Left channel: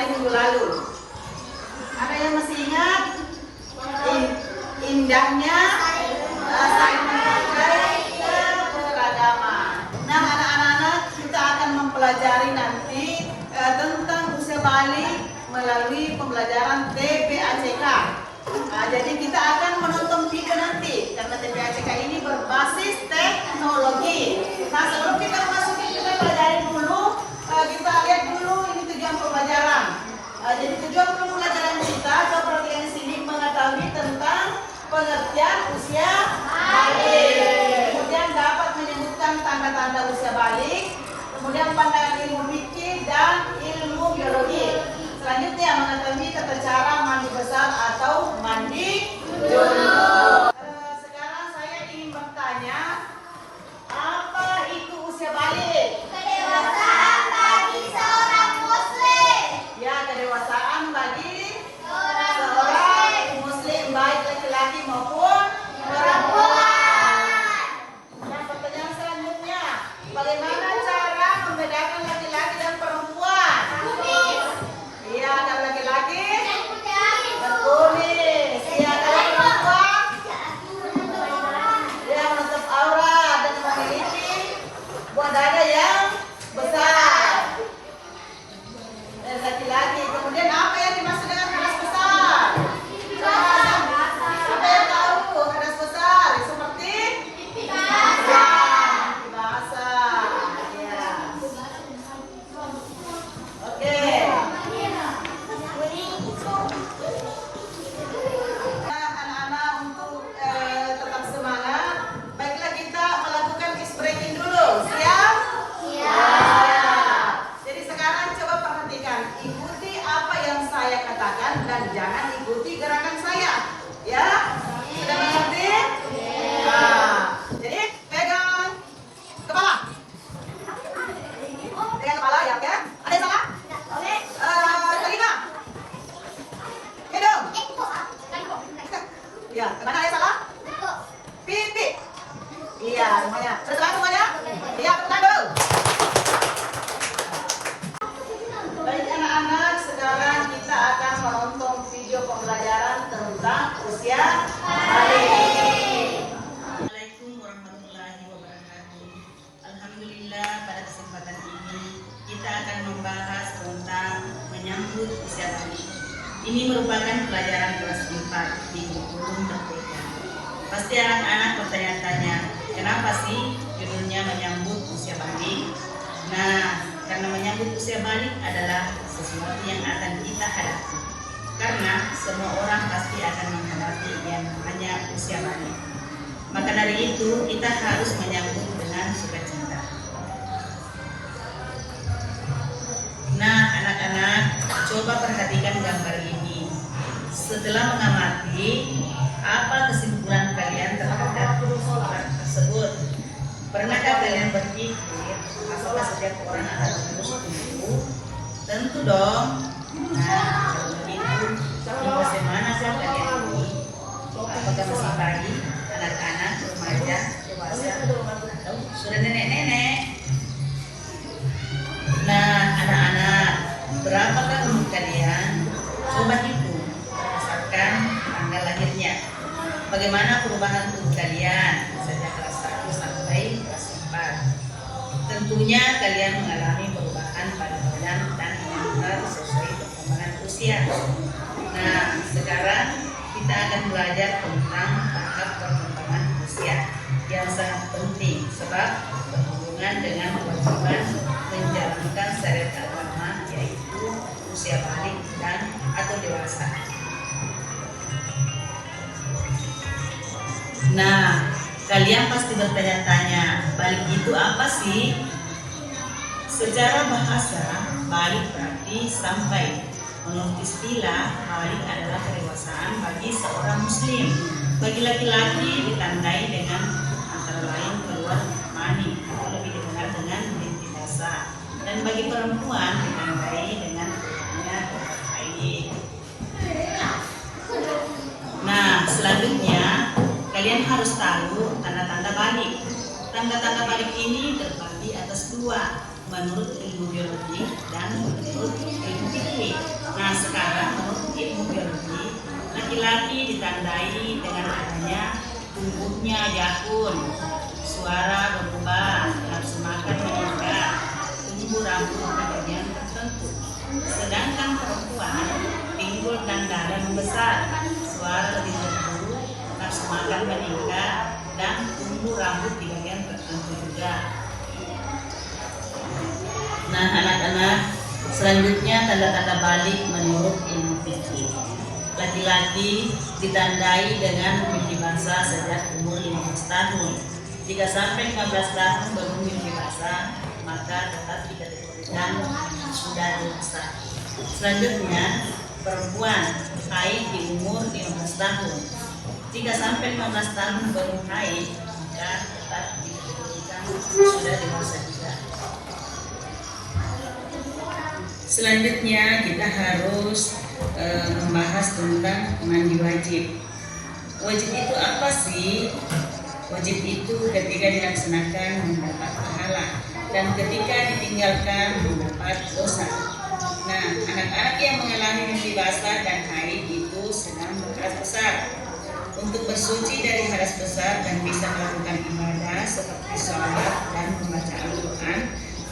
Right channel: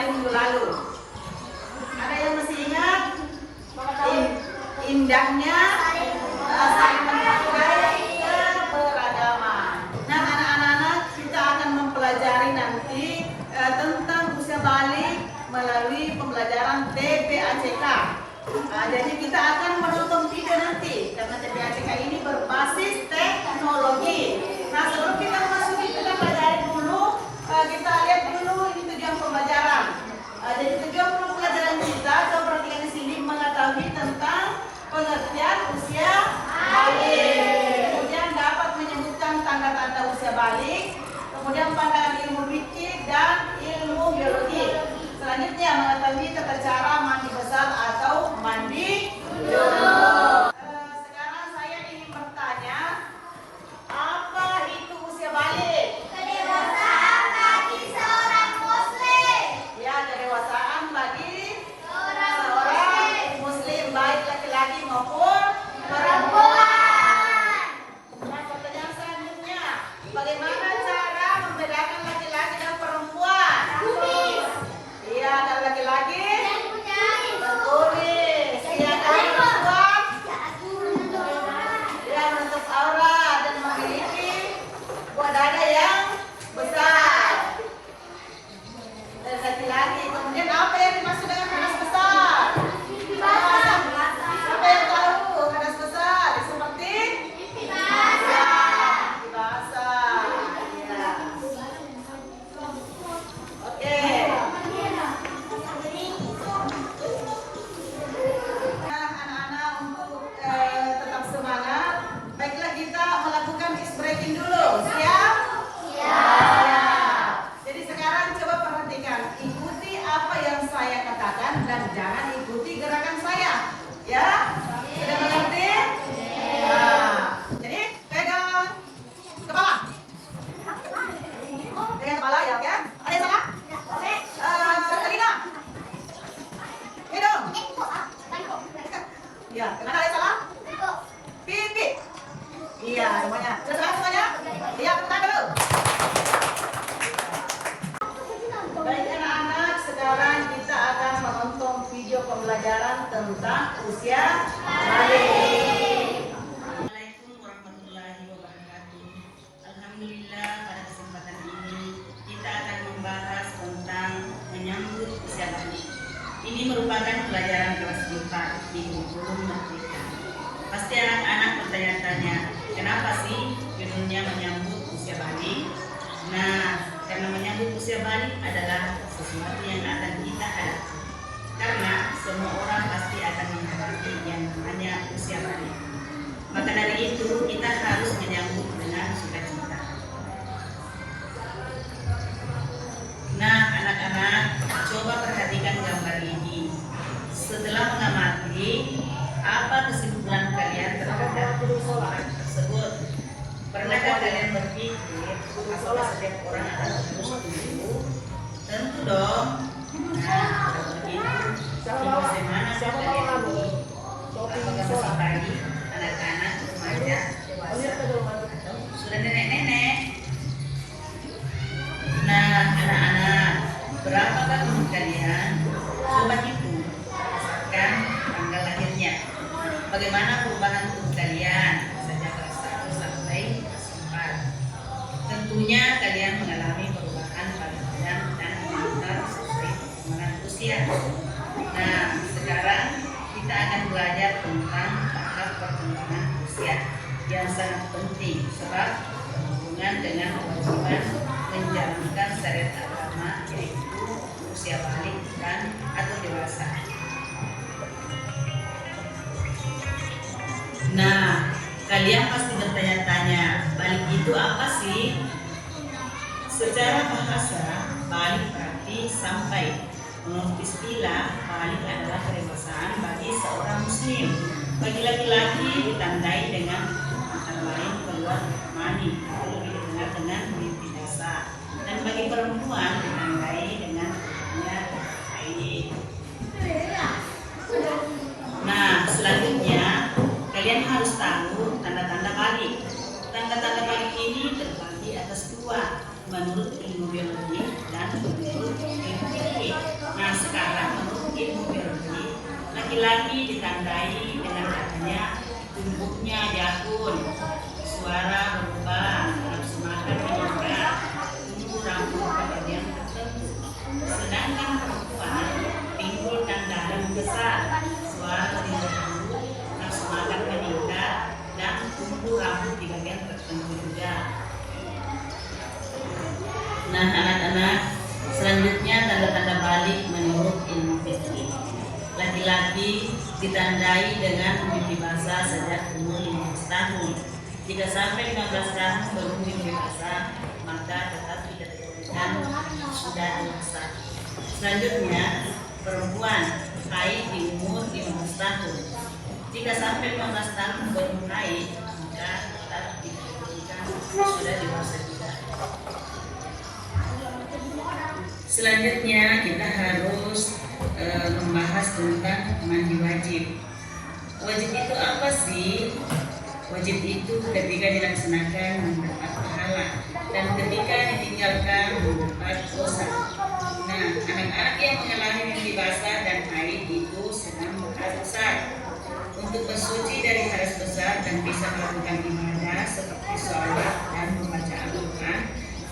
hari minggu lalu. Ada yang masih ingat? Indahnya saling menghargai keberagaman. Nah, anak-anak, kita akan mempelajari nanti tentang usia balik melalui pembelajaran TPACK. Jadi kita akan menonton video nanti karena TPACK ini berbasis teknologi. Nah, sebelum kita masuki kita pelajari dulu, kita lihat dulu ini tujuan pembelajaran. Jadi tujuan pembelajaran kita seperti yang di sini mengetahui tentang pengertian usia balik. Kemudian dapat menyebutkan tanda-tanda usia balik. Kemudian pandangan ilmu fikih dan ilmu biologi. Selanjutnya mengetahui tata cara mandi besar atau mandi junub. Sekarang saya ingin bertanya, apa itu usia balik? Kedewasaan bagi seorang muslim. Ya, kedewasaan bagi seorang muslim, baik laki-laki maupun perempuan. Nah, pertanyaan selanjutnya, bagaimana cara membedakan laki-laki dan perempuan? Iya, kalau laki-laki berkumis. Iya, kalau perempuan dia menutup aurat dan memiliki buah dada yang besar. Dan laki-laki, kemudian apa yang dimaksud dengan kadas besar? Siapa yang tahu kadas besar? Seperti pipi basah. Iya. Oke. Anak-anak untuk tetap semangat, baiklah kita melakukan ice breaking dulu. Siap? Siap. Jadi sekarang coba perhatikan, ikuti apa yang saya katakan dan jangan ikuti gerakan saya. Ya? Sudah mengerti? Nah, jadi pegang kepala. Pegang kepala ya, oke? Ada yang salah? Telinga. Hidung. Ya, kemana ada yang salah? Pipi. Iya, semuanya. Sudah salah semuanya? Iya, tandu. Baik anak-anak, sekarang kita akan menonton video pembelajaran tentang usia balik. Assalamualaikum warahmatullahi wabarakatuh. Alhamdulillah, pada kesempatan ini kita akan membahas tentang menyambut usia balik. Ini merupakan pelajaran kelas 4 di kurikulum Merdeka. Pasti anak-anak bertanya-tanya, kenapa sih judulnya menyambut usia balik? Nah, karena menyambut usia balik adalah sesuatu yang akan kita hadapi. Karena semua orang pasti akan menghadapi yang namanya usia balik. Maka dari itu kita harus menyambut dengan sukacita. Nah, anak-anak, coba perhatikan gambar ini. Setelah mengamati, apa kesimpulan kalian terhadap soal tersebut? Pernahkah kalian berpikir apakah setiap orang akan terus tumbuh? Tentu dong. Nah, kalau begitu, di usia manakah kalian ini? Apakah masih bayi, anak-anak, remaja, dewasa, atau sudah nenek-nenek? Nah, anak-anak, berapakah umur kalian? Coba hitung berdasarkan tanggal lahirnya. Bagaimana perubahan tubuh kalian sejak kelas 1 sampai kelas 4? Tentunya kalian mengalami perubahan pada badan dan mental sesuai perkembangan usia. Nah, sekarang kita akan belajar tentang tahap perkembangan usia yang sangat penting sebab berhubungan dengan kewajiban menjalankan syariat agama, yaitu usia balik dan atau dewasa. Nah, kalian pasti bertanya-tanya, balik itu apa sih? Secara bahasa, balik berarti sampai. Menurut istilah, balik adalah kedewasaan bagi seorang muslim. Bagi laki-laki ditandai dengan antara lain keluar mani atau lebih dikenal dengan mimpi basah. Dan bagi perempuan ditandai dengan keluarnya darah haid. Nah, selanjutnya kalian harus tahu tanda-tanda balik. Tanda-tanda balik ini terbagi atas dua, menurut ilmu biologi dan menurut ilmu fikih. Laki-laki ditandai dengan adanya tumbuhnya jakun, suara berubah, nafsu makan meningkat, tumbuh rambut di bagian tertentu. Sedangkan perempuan timbul tanda dan membesar, suara lebih merdu, nafsu makan meningkat, dan tumbuh rambut di bagian tertentu juga. Nah anak-anak, selanjutnya tanda-tanda balik menurut ilmu fikih. Laki-laki ditandai dengan mimpi basah sejak umur 15 tahun. Jika sampai 15 tahun baru mimpi basah, maka tetap dikategorikan sudah dewasa. Selanjutnya, perempuan haid di umur 15 tahun. Jika sampai 15 tahun baru haid, maka tetap dikategorikan sudah dewasa juga. Selanjutnya kita harus membahas tentang mandi wajib. Wajib itu apa sih? Wajib itu ketika dilaksanakan mendapat pahala dan ketika ditinggalkan mendapat dosa. Nah, anak-anak yang mengalami mimpi basah dan haid itu sedang berhadas besar. Untuk bersuci dari hadas besar dan bisa melakukan ibadah seperti sholat dan membaca Al-Quran,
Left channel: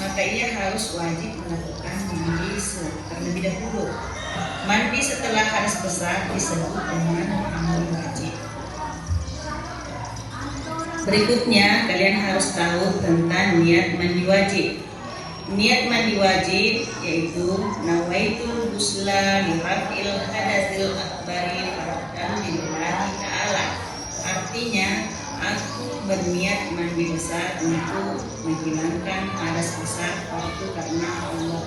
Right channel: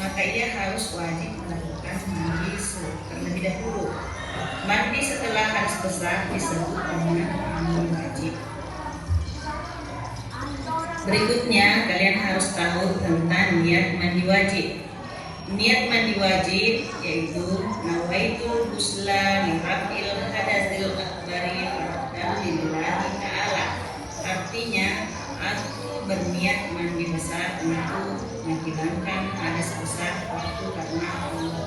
maka ia harus wajib melakukan mandi terlebih dahulu. Mandi setelah hadas besar disebut dengan mandi wajib. Berikutnya kalian harus tahu tentang niat mandi wajib. Niat mandi wajib yaitu nawaitul ghusla liraf'il hadatsil akbari dan lillahi ta'ala. Artinya aku berniat mandi besar untuk menghilangkan hadas besar itu karena Allah.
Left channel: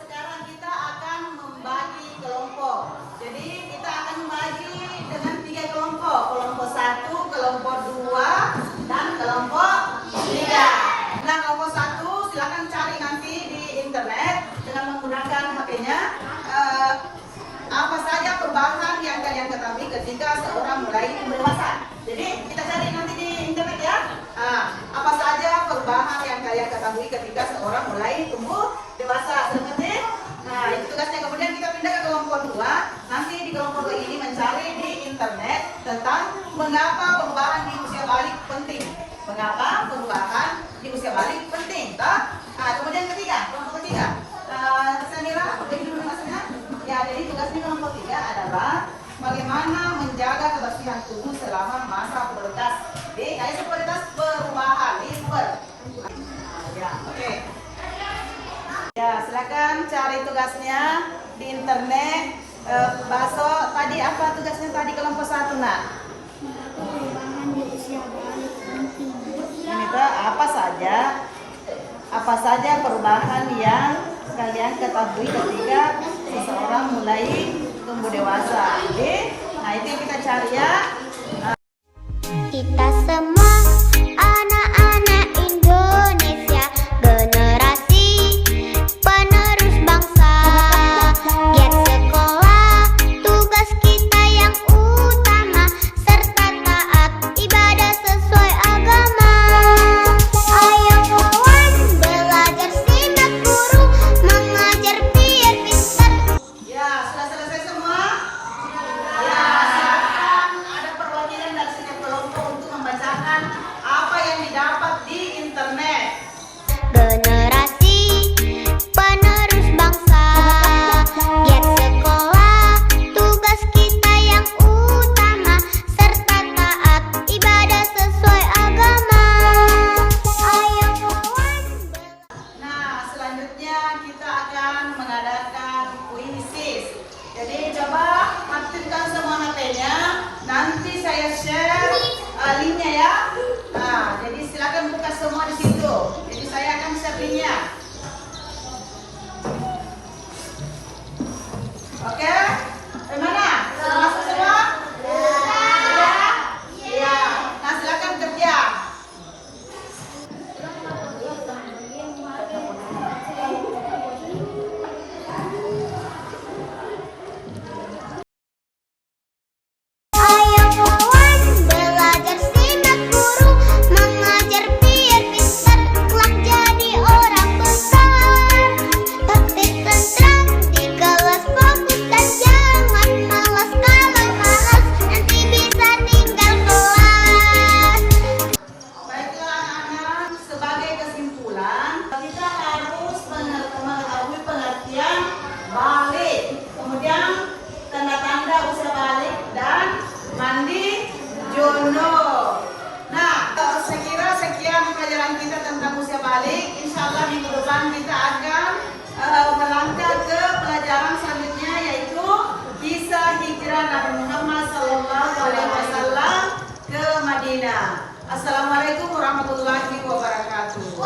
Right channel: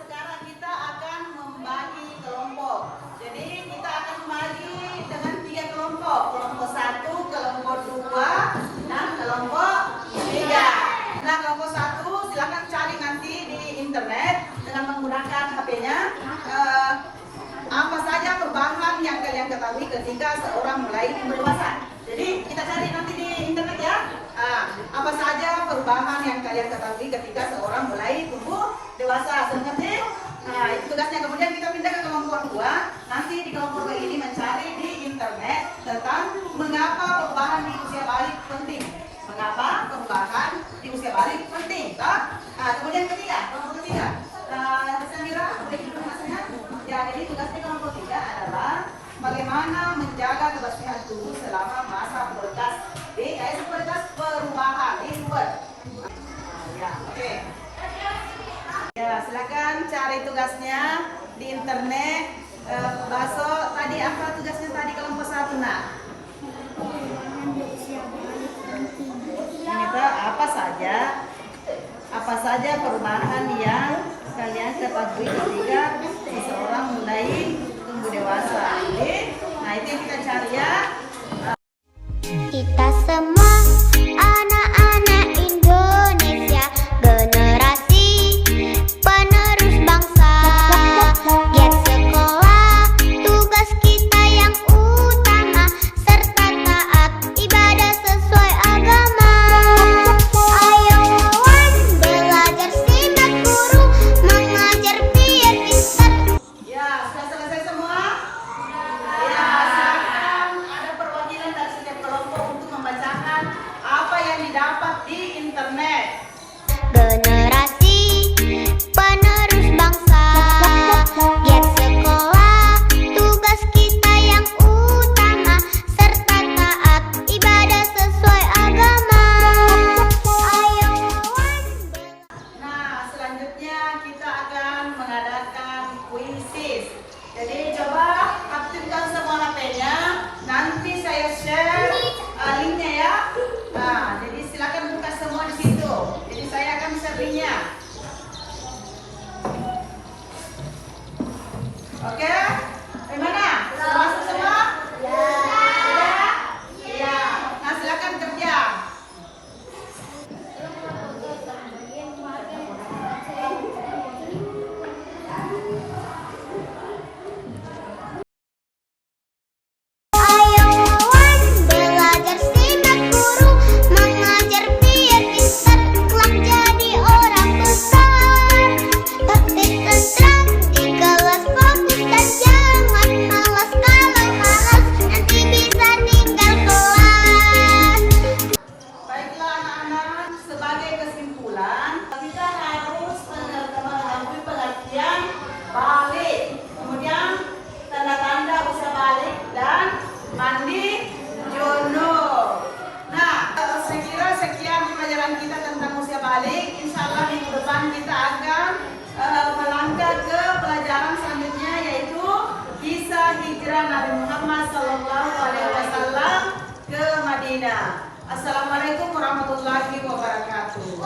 Sekarang kita akan membagi kelompok. Jadi kita akan membagi dengan 3 kelompok. Kelompok 1, kelompok 2, dan kelompok 3. Nah, kelompok 1 silakan cari nanti di internet dengan menggunakan HP-nya. Apa saja perubahan yang kalian ketahui ketika seorang mulai dewasa. Jadi kita cari nanti di internet ya. Apa saja perubahan yang kalian ketahui ketika seorang mulai tumbuh dewasa. Seperti itu tugasnya. Kemudian kita pindah ke kelompok 2. Nanti di kelompok ini mencari di internet tentang mengapa perubahan di usia balik penting. Mengapa perubahan di usia balik penting? Kemudian kelompok ketiga. Tersanira, boleh dulu masnya. Ya, jadi tugas di kelompok 3 adalah bagaimana menjaga kebersihan tubuh selama masa pubertas. Kayak pubertas perubahan, puber. Ya, oke. Ya, silakan cari tugasnya di internet. Baso, tadi apa tugasnya tadi kelompok 1 nak? Perubahan di usia balik penting. Itu apa saja perubahan yang kalian ketahui ketika seseorang mulai tumbuh dewasa. Oke? Nah, itu yang kita cari ya. Kita semua anak-anak Indonesia, generasi penerus bangsa. Giat sekolah, tugas kita yang utama, serta taat ibadah sesuai agama. Ayo kawan, belajar simak guru, mengajar biar pintar. Ya, sudah selesai semua? Ya, silakan ada perwakilan dari setiap kelompok untuk membacakan lainnya. Assalamualaikum warahmatullahi wabarakatuh.